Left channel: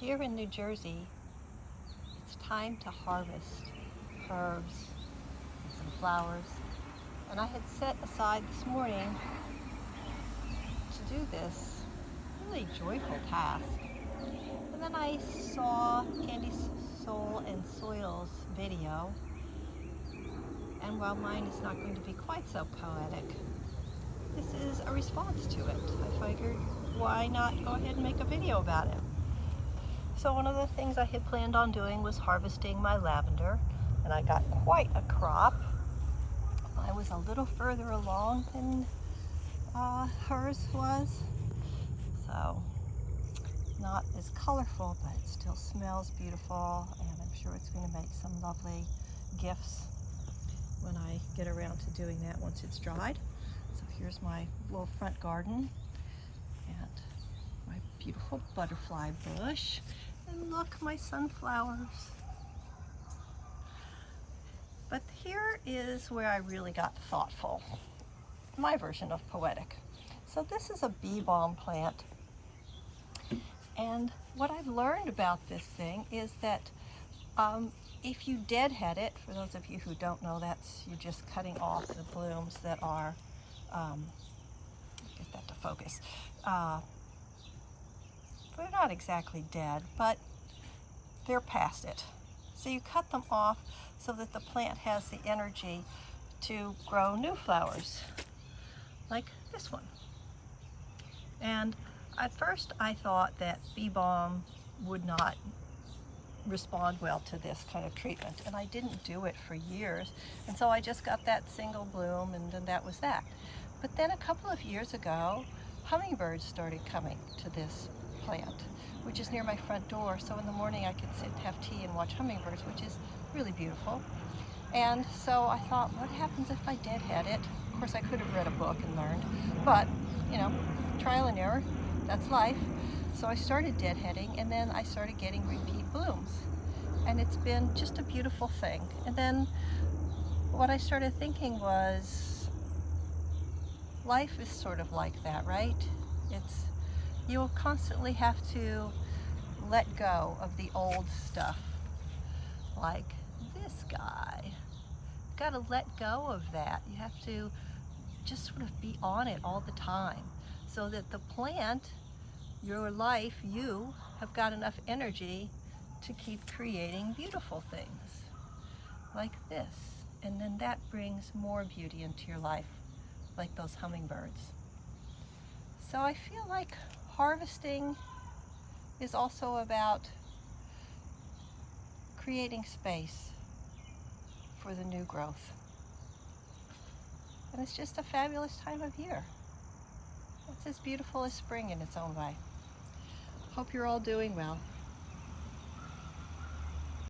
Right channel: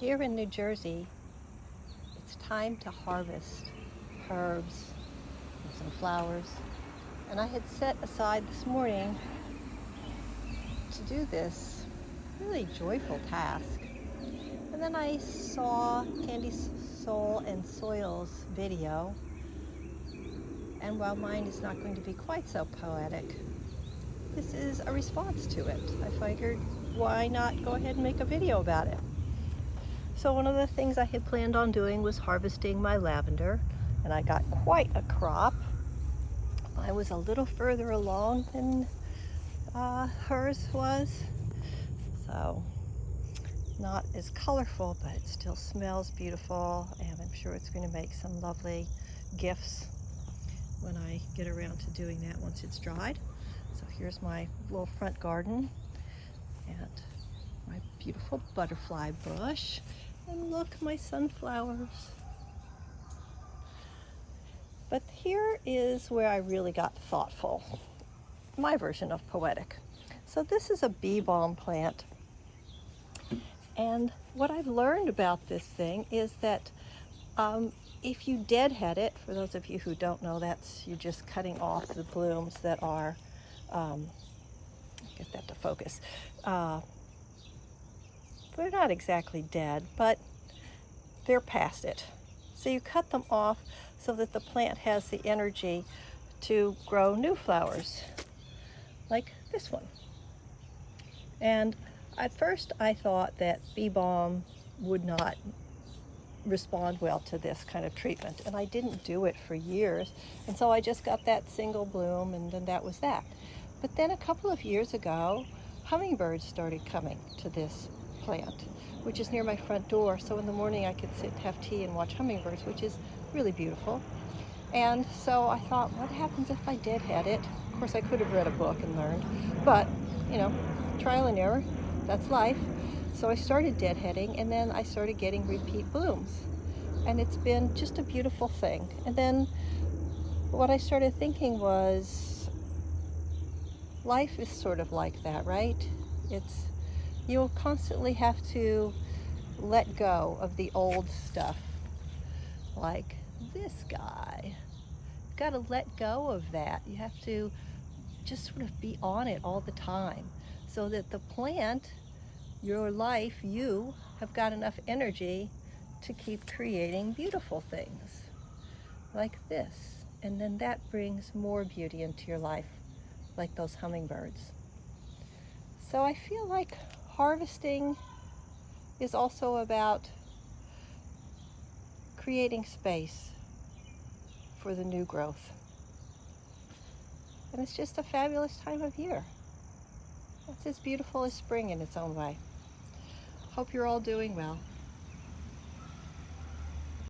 Here in New Jersey, it's time to harvest herbs and some flowers. And I had set aside this morning to do this really joyful task. And then I saw Candy Soul and Soil's video. And while mine is not going to be quite so poetic, this is a response to it. I figured, why not go ahead and make a video about it? So one of the things I had planned on doing was harvesting my lavender, and I got quite a crop. I was a little further along than hers was, so not as colorful, but it still smells beautiful, and I'm sure it's going to make some lovely gifts when I get around to doing that once it's dried. So here's my little front garden and my beautiful butterfly bush. And look, my sunflowers. But here is where I really got thoughtful. My version of poetic. So this is a bee balm plant. And what I've learned about this thing is that if you deadhead it, for those of you who don't know, that's you're just cutting off the blooms that are, get that to focus. They're not exactly dead, but they're past it. So you cut them off so that the plant has the energy to grow new flowers, like this one. And at first I thought that bee balm would not respond well to this kind of treatment, and I didn't do it for years, and so I just got that single bloom, and then that was that. But then a couple of years ago, hummingbirds started coming to this plant, which is near my front door, so in the morning I could sit, have tea, and watch hummingbirds, which is really beautiful. And so I thought, what happens if I deadhead it? Of course, I could have read a book and learned, but you know, trial and error, that's life. So I started deadheading, and then I started getting repeat blooms, and it's been just a beautiful thing. And then what I started thinking was, life is sort of like that, right? You'll constantly have to let go of the old stuff, like this guy. You've got to let go of that. You have to just sort of be on it all the time, so that the plant, your life, you have got enough energy to keep creating beautiful things like this. And then that brings more beauty into your life, like those hummingbirds. So I feel like harvesting is also about creating space for the new growth. And it's just a fabulous time of year. It's as beautiful as spring in its own way. Hope you're all doing well.